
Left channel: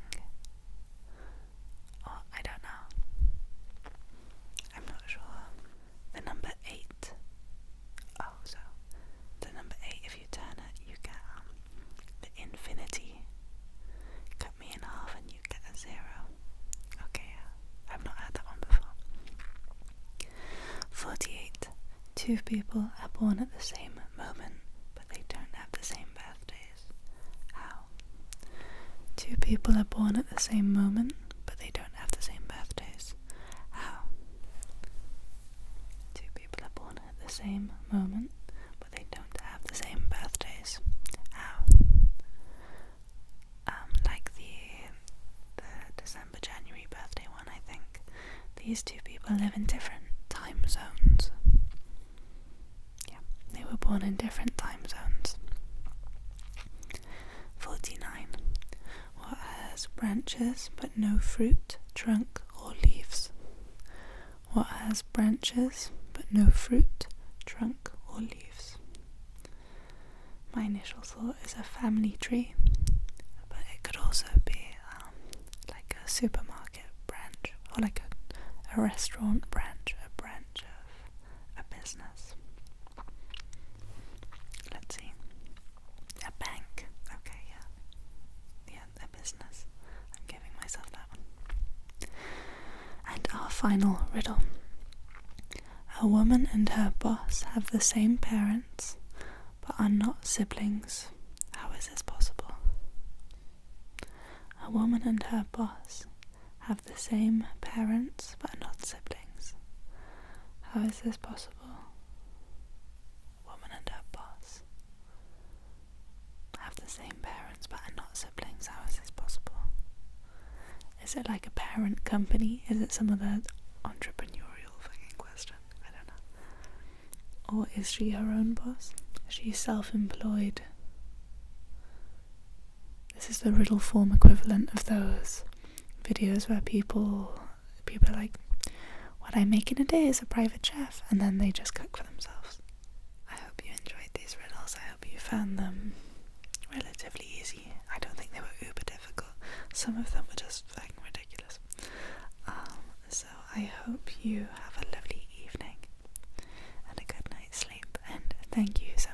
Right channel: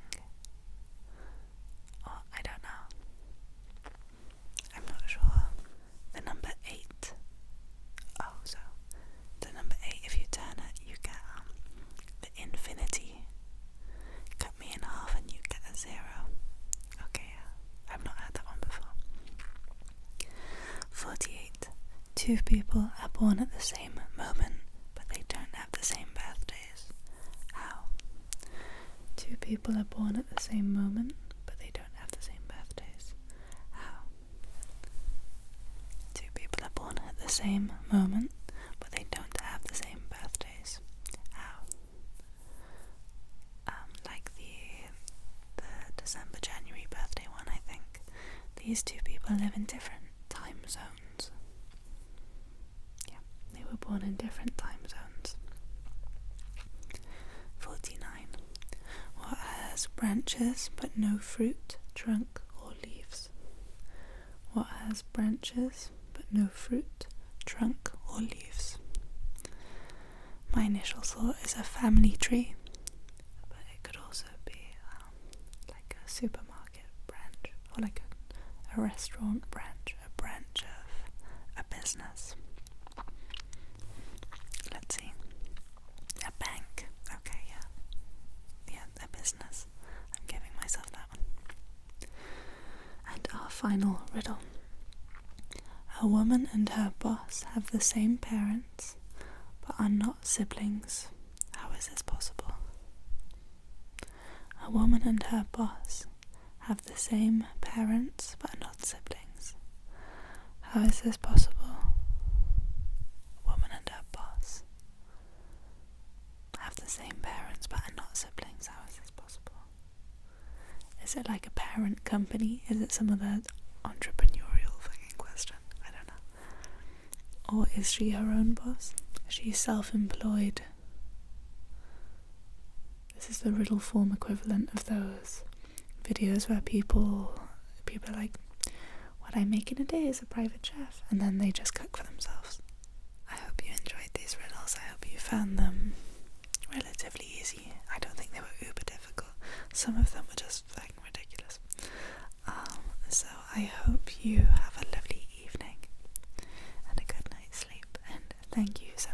Or I don't know. I'm not sure. The number 8. Oh, so the number 8, if you turn it, you get the infinity. Cut me in half and you get a 0. Okay, yeah. I've not heard that one before. 48. 2 people are born at the same moment, but they don't have the same birthdays. How? 2 people are born at the same moment, but they don't have the same birthdays. How? 2 people are born at the same moment, but they don't have the same birthdays. How? Like the December, January birthday one, I think. These 2 people live in different time zones. Yeah, they were born in different time zones. 49. What has branches but no fruit, trunk or leaves? What has branches but no fruit, trunk or leaves? My initial thought is a family tree, but it could also be like a supermarket branch or like a restaurant branch, a branch of a business. Let's see. A bank. Okay, yeah. Yeah, a business. I'm giving myself that one. And our final riddle. A woman and her boss have the same parents, but are not siblings. How is this possible? A woman and her boss have the same parents, but are not siblings. How is this possible? athlete? Is it some other entrepreneurial fucking question? I don't know. Or is she her own boss? She's self-employed. This is the riddle form equivalent of those videos where people are like, what I make in a day is a private chef, and then they just cook for themselves. I hope you enjoyed these riddles. I hope you found them relatively easy. I don't think they were uber difficult. Some of them were just fucking ridiculous. So I hope you have a lovely evening and a good night's sleep, and thank you so